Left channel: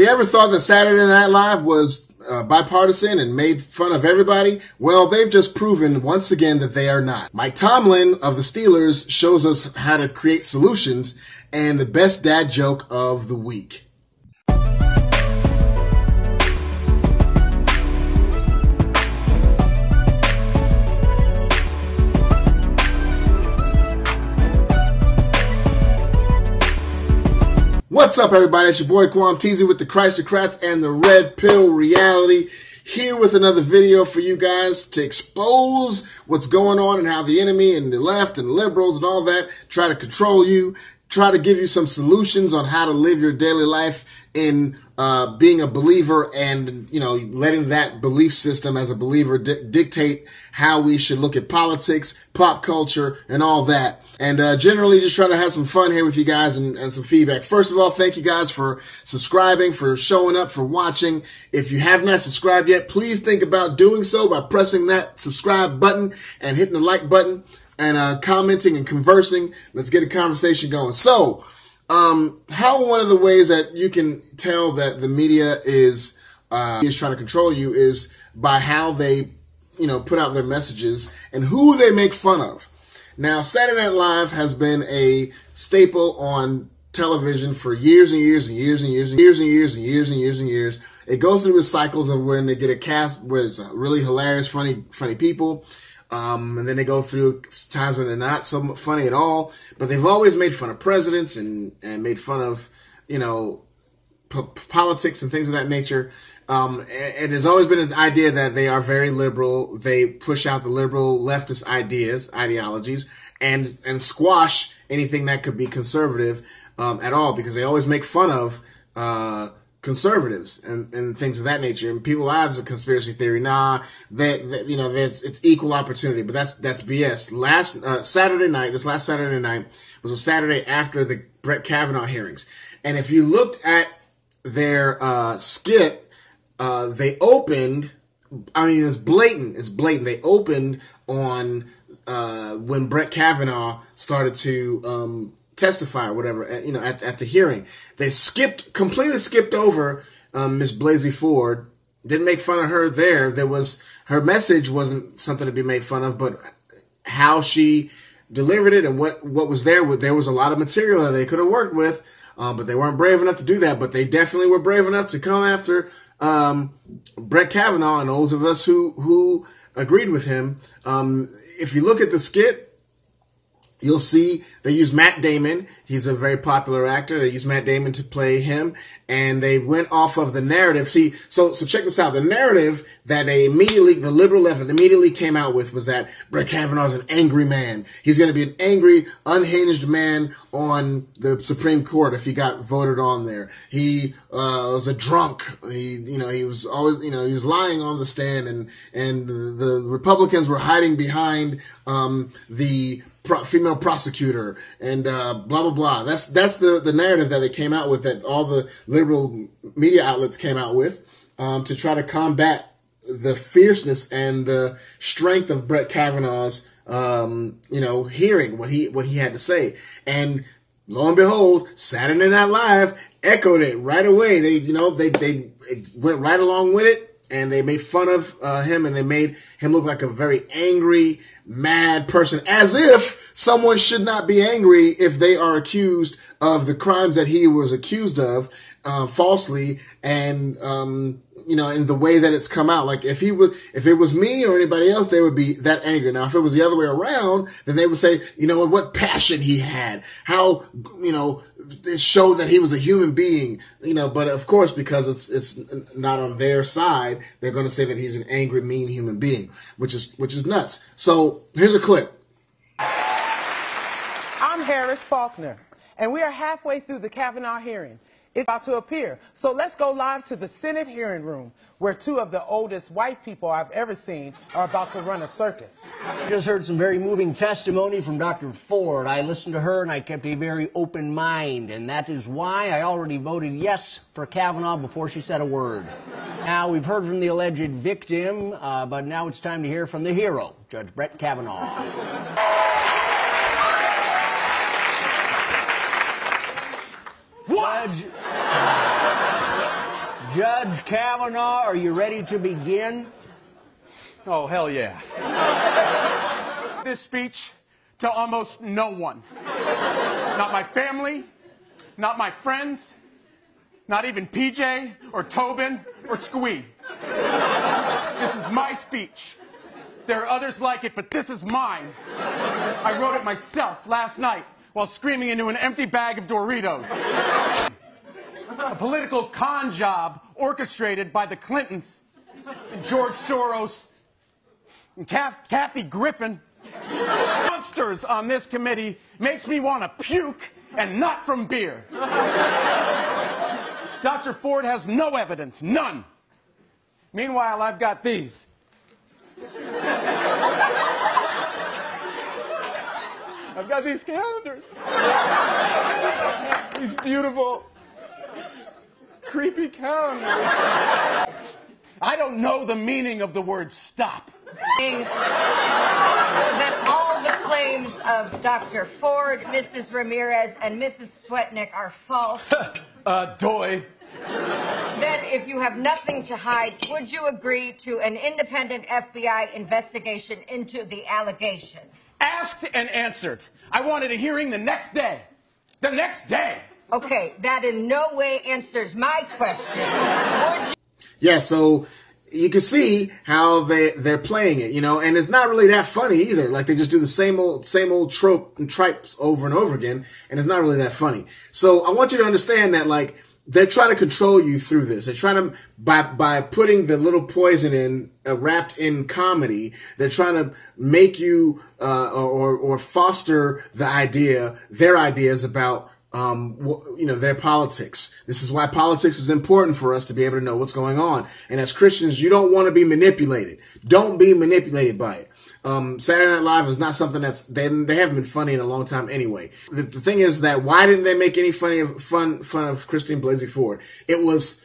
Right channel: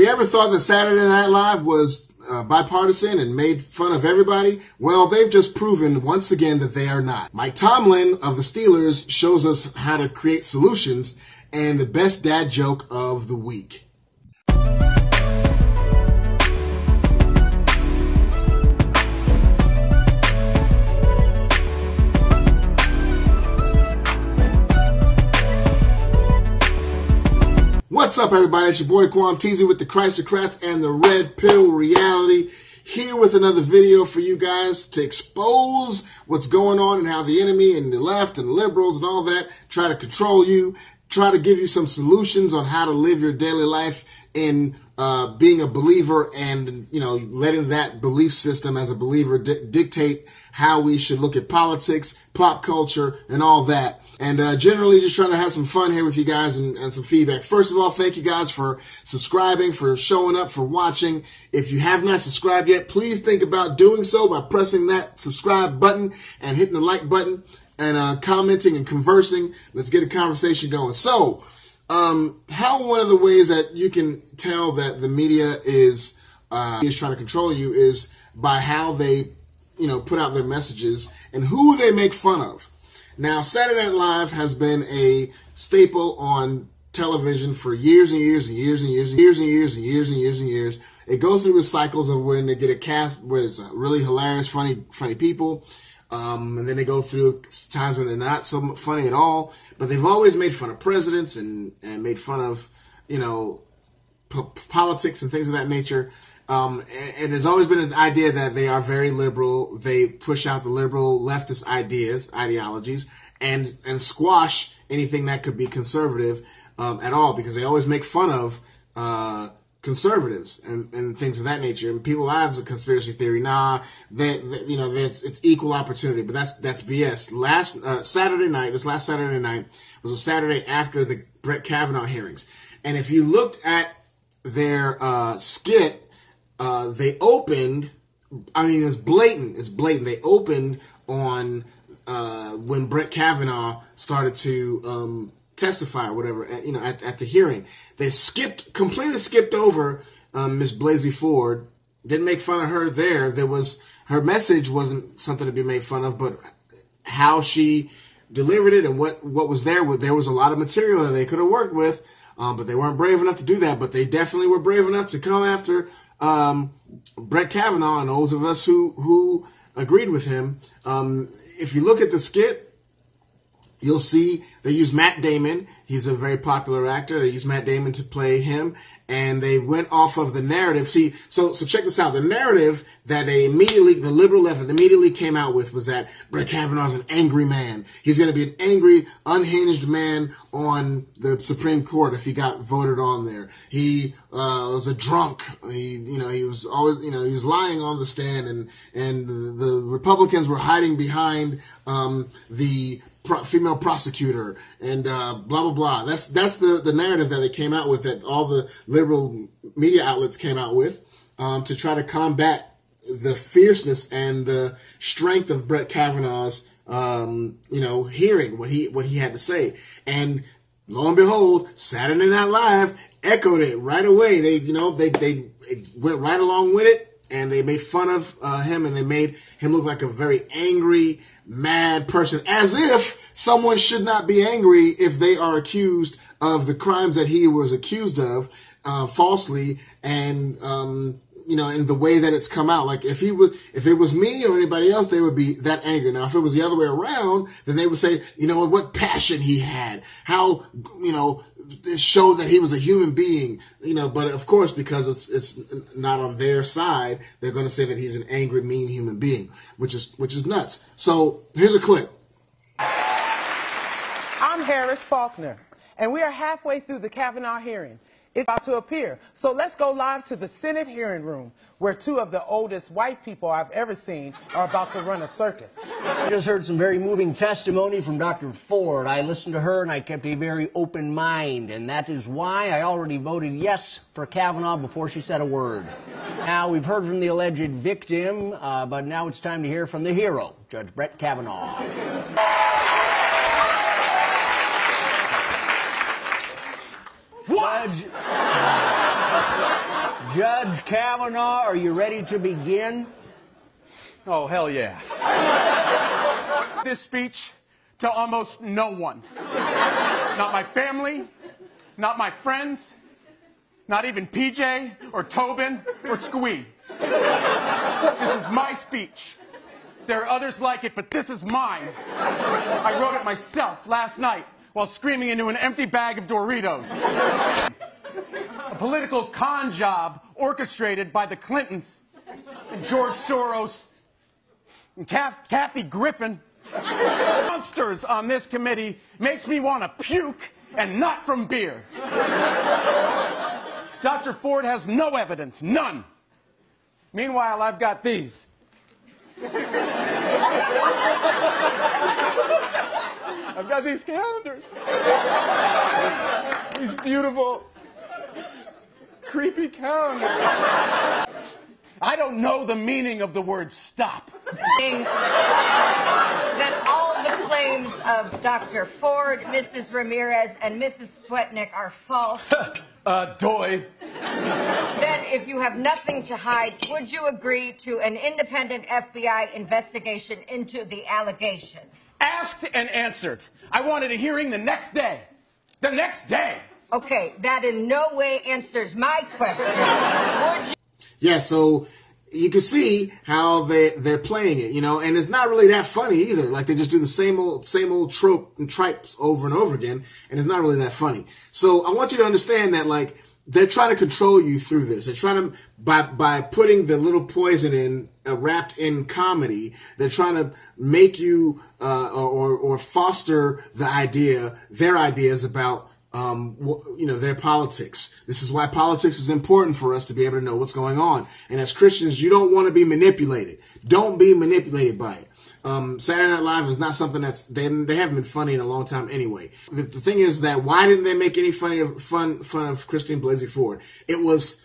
we ever thought that Saturday Night Live was bipartisan and made fun of everybody, well, they've just proven once again that they are not. Mike Tomlin of the Steelers shows us how to create solutions and the best dad joke of the week. What's up, everybody? It's your boy Quam Teasy with the Chrysocrats and the Red Pill Reality, here with another video for you guys to expose what's going on and how the enemy and the left and the liberals and all that try to control you, try to give you some solutions on how to live your daily life in being a believer and, you know, letting that belief system as a believer dictate how we should look at politics, pop culture, and all that. And generally just trying to have some fun here with you guys and some feedback. First of all, thank you guys for subscribing, for showing up, for watching. If you have not subscribed yet, please think about doing so by pressing that subscribe button and hitting the like button and commenting and conversing. Let's get a conversation going. So, how one of the ways that you can tell that the media is trying to control you is by how they, you know, put out their messages and who they make fun of. Now, Saturday Night Live has been a staple on television for years and years and years and years and years and years and years and years and years. It goes through the cycles of when they get a cast where it's really hilarious, funny people, and then they go through times when they're not so funny at all. But they've always made fun of presidents and made fun of, you know, politics and things of that nature. And there's always been an idea that they are very liberal. They push out the liberal leftist ideologies, and squash anything that could be conservative at all, because they always make fun of conservatives and things of that nature. And people have a conspiracy theory. Nah, you know, it's equal opportunity, but that's BS. Last Saturday night, this last Saturday night was a Saturday after the Brett Kavanaugh hearings, and if you looked at their skit. They opened, I mean, it's blatant. They opened on when Brett Kavanaugh started to testify or whatever, you know, at the hearing. They completely skipped over Miss Blasey-Ford. Didn't make fun of her there. Her message wasn't something to be made fun of, but how she delivered it and what was there. There was a lot of material that they could have worked with, but they weren't brave enough to do that. But they definitely were brave enough to come after Brett Kavanaugh and those of us who agreed with him. If you look at the skit, you'll see they use Matt Damon. He's a very popular actor. They use Matt Damon to play him, and they went off of the narrative. See, so check this out. The narrative that the liberal left immediately came out with was that Brett Kavanaugh is an angry man. He's going to be an angry, unhinged man on the Supreme Court if he got voted on there. He was a drunk. He was always, he was lying on the stand, and the Republicans were hiding behind the female prosecutor and blah blah blah. That's the narrative that they came out with, that all the liberal media outlets came out with to try to combat the fierceness and the strength of Brett Kavanaugh's, hearing what he had to say. And lo and behold, Saturday Night Live echoed it right away. They went right along with it, and they made fun of him, and they made him look like a very angry, mad person, as if someone should not be angry if they are accused of the crimes that he was accused of falsely, and in the way that it's come out. Like if it was me or anybody else, they would be that angry. Now, if it was the other way around, then they would say, what passion he had, how, it showed that he was a human being, but of course, because it's not on their side, they're going to say that he's an angry, mean human being, which is nuts. So here's a clip. I'm Harris Faulkner, and we are halfway through the Kavanaugh hearing. It's about to appear. So let's go live to the Senate hearing room, where two of the oldest white people I've ever seen are about to run a circus. I just heard some very moving testimony from Dr. Ford. I listened to her and I kept a very open mind, and that is why I already voted yes for Kavanaugh before she said a word. Now, we've heard from the alleged victim, but now it's time to hear from the hero, Judge Brett Kavanaugh. What? Judge Kavanaugh, are you ready to begin? Oh, hell yeah. This speech to almost no one. Not my family, not my friends, not even PJ or Tobin or Squee. This is my speech. There are others like it, but this is mine. I wrote it myself last night while screaming into an empty bag of Doritos. A political con job orchestrated by the Clintons and George Soros and Kathy Griffin. Monsters on this committee makes me want to puke, and not from beer. Dr. Ford has no evidence, none. Meanwhile, I've got these. I've got these calendars. These beautiful, creepy calendars. I don't know the meaning of the word stop. That all the claims of Dr. Ford, Mrs. Ramirez, and Mrs. Swetnick are false. Doy. Then, if you have nothing to hide, would you agree to an independent FBI investigation into the allegations? Asked and answered. I wanted a hearing the next day. The next day. Okay, that in no way answers my question. Would you... Yeah, so you can see how they're playing it, you know, and it's not really that funny either. Like, they just do the same old trope and tripes over and over again, and it's not really that funny. So I want you to understand that, like, they're trying to control you through this. They're trying to, by putting the little poison in, wrapped in comedy, they're trying to make you, or foster the idea, their ideas about, you know, their politics. This is why politics is important for us to be able to know what's going on. And as Christians, you don't want to be manipulated. Don't be manipulated by it. Saturday Night Live is not something that's, they haven't been funny in a long time anyway. The thing is that why didn't they make any fun of Christine Blasey Ford? It was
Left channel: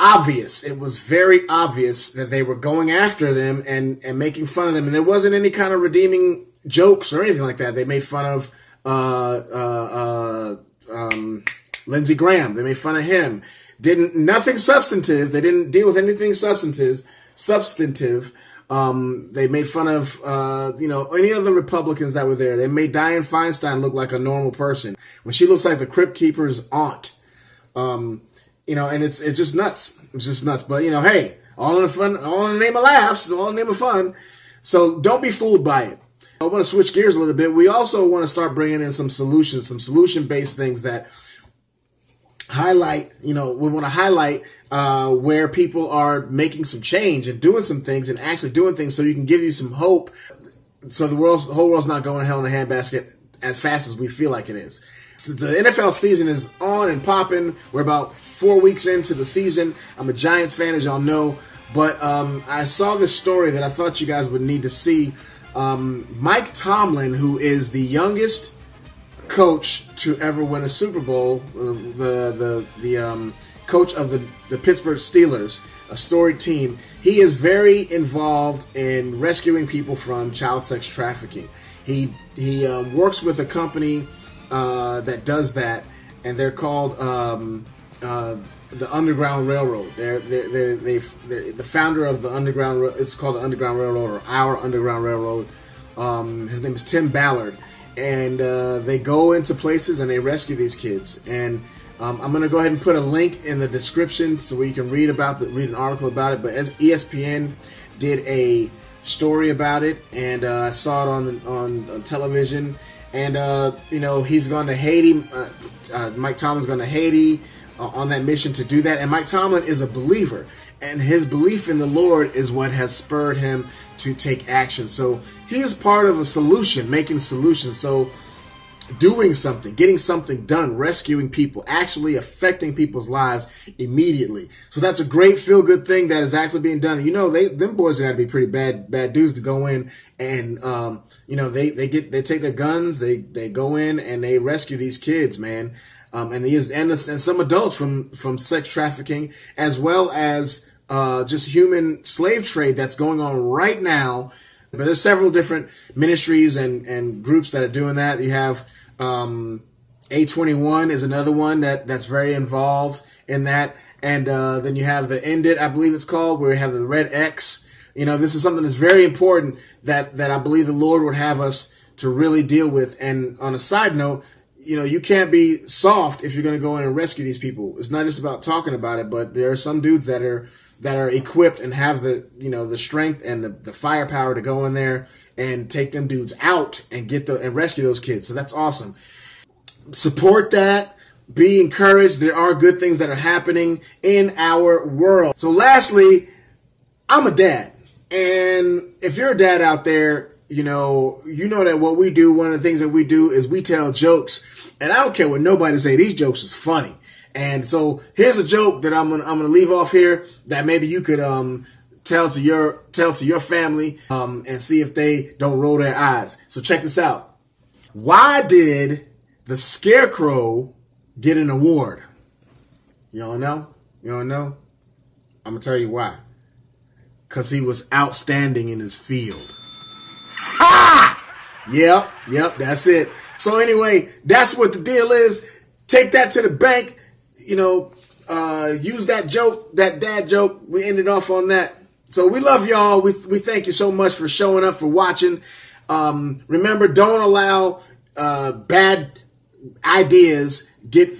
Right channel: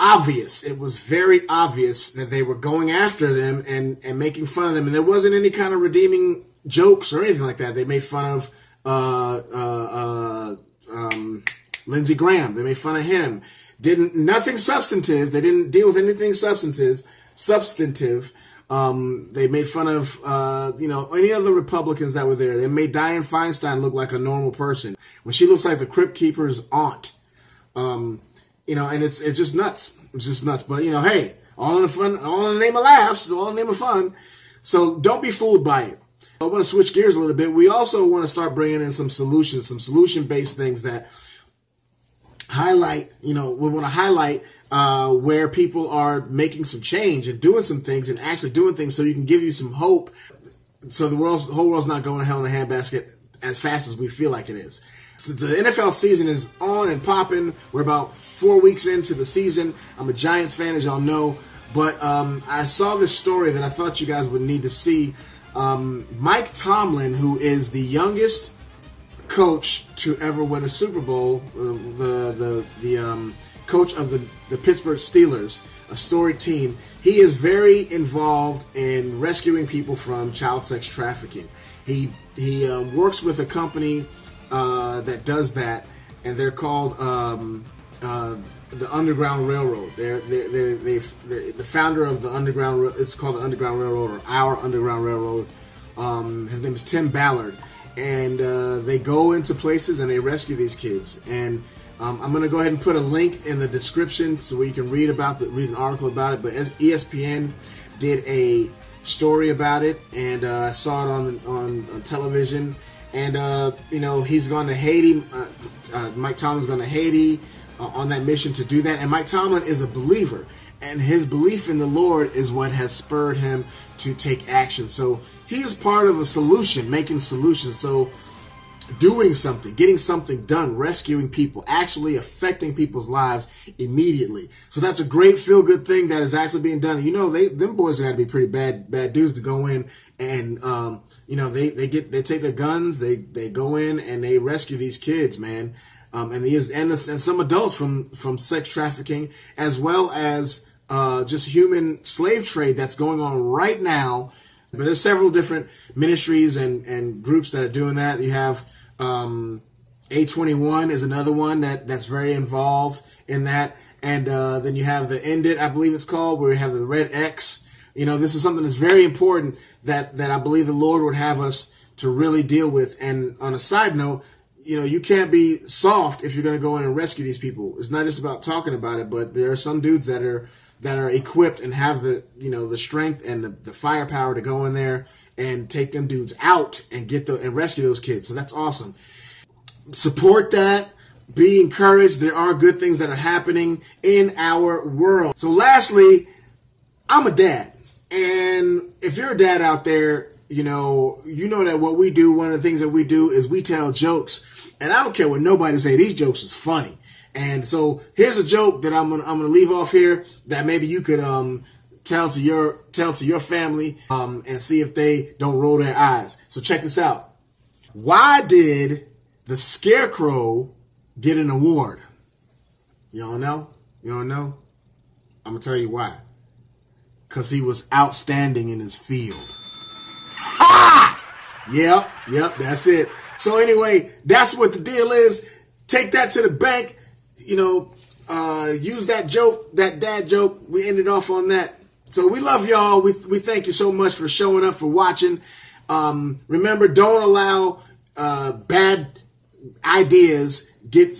obvious. It was very obvious that they were going after them and making fun of them. And there wasn't any kind of redeeming jokes or anything like that. They made fun of Lindsey Graham. They made fun of him. Nothing substantive. They didn't deal with anything substantive. They made fun of, you know, any of the Republicans that were there. They made Dianne Feinstein look like a normal person when she looks like the Crypt Keeper's aunt. You know, and it's just nuts. It's just nuts. But, you know, hey, all in the name of laughs, all in the name of fun. So don't be fooled by it. I want to switch gears a little bit. We also want to start bringing in some solutions, some solution-based things that highlight, you know, we want to highlight where people are making some change and doing some things and actually doing things so you can give you some hope so the whole world's not going to hell in a handbasket as fast as we feel like it is. The NFL season is on and popping. We're about 4 weeks into the season. I'm a Giants fan, as y'all know, but I saw this story that I thought you guys would need to see. Mike Tomlin, who is the youngest coach to ever win a Super Bowl, the coach of the Pittsburgh Steelers, a storied team, he is very involved in rescuing people from child sex trafficking. He works with a company that does that, and they're called the Underground Railroad. They're the founder of the Underground. It's called the Underground Railroad, or Our Underground Railroad. His name is Tim Ballard, and they go into places and they rescue these kids. And I'm going to go ahead and put a link in the description so you can read an article about it. But ESPN did a story about it, and I saw it on television. And you know, he's gone to Haiti. Mike Tomlin's going to Haiti on that mission to do that. And Mike Tomlin is a believer, and his belief in the Lord is what has spurred him to take action. So he is part of a solution, making solutions. So doing something, getting something done, rescuing people, actually affecting people's lives immediately. So that's a great feel-good thing that is actually being done. You know, them boys are gonna be pretty bad dudes to go in and you know, they take their guns, they go in and they rescue these kids, man. And some adults from sex trafficking, as well as just human slave trade that's going on right now. But there's several different ministries and groups that are doing that. You have A21 is another one that's very involved in that. And then you have the End It, I believe it's called, where you have the red X. You know, this is something that's very important that I believe the Lord would have us to really deal with. And on a side note, you know, you can't be soft if you're going to go in and rescue these people. It's not just about talking about it, but there are some dudes that are equipped and have the, you know, the strength and the firepower to go in there and take them dudes out and and rescue those kids. So that's awesome. Support that. Be encouraged. There are good things that are happening in our world. So lastly, I'm a dad. And if you're a dad out there, you know that what we do, one of the things that we do is we tell jokes. And I don't care what nobody say, these jokes is funny. And so here's a joke that I'm gonna leave off here that maybe you could tell to your family and see if they don't roll their eyes. So check this out. Why did the Scarecrow get an award? You don't know? You don't know? I'm gonna tell you why. Because he was outstanding in his field. Ah! Yep, that's it. So anyway, that's what the deal is. Take that to the bank. You know, use that joke, that dad joke. We ended off on that. So we love y'all. We thank you so much for showing up, for watching. Remember, don't allow bad ideas get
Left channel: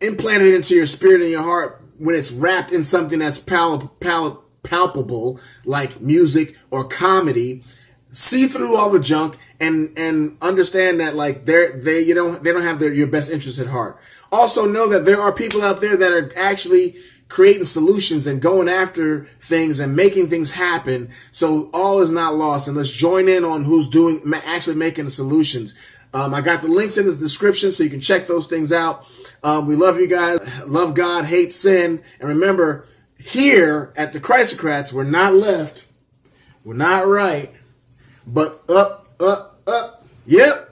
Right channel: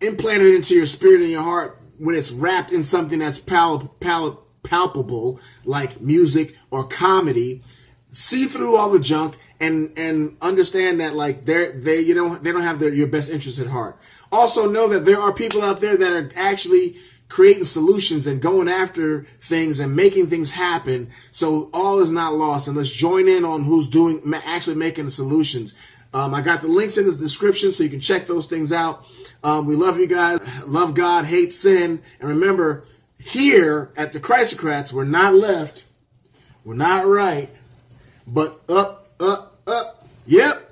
implanted into your spirit and your heart when it's wrapped in something that's palpable, like music or comedy. See through all the junk and understand that, like, they don't have your best interest at heart. Also know that there are people out there that are actually creating solutions and going after things and making things happen. So all is not lost, and let's join in on who's actually making the solutions. I got the links in the description so you can check those things out. We love you guys. Love God, hate sin. And remember, here at the Christocrats, we're not left, we're not right, but up, up, up. Yep.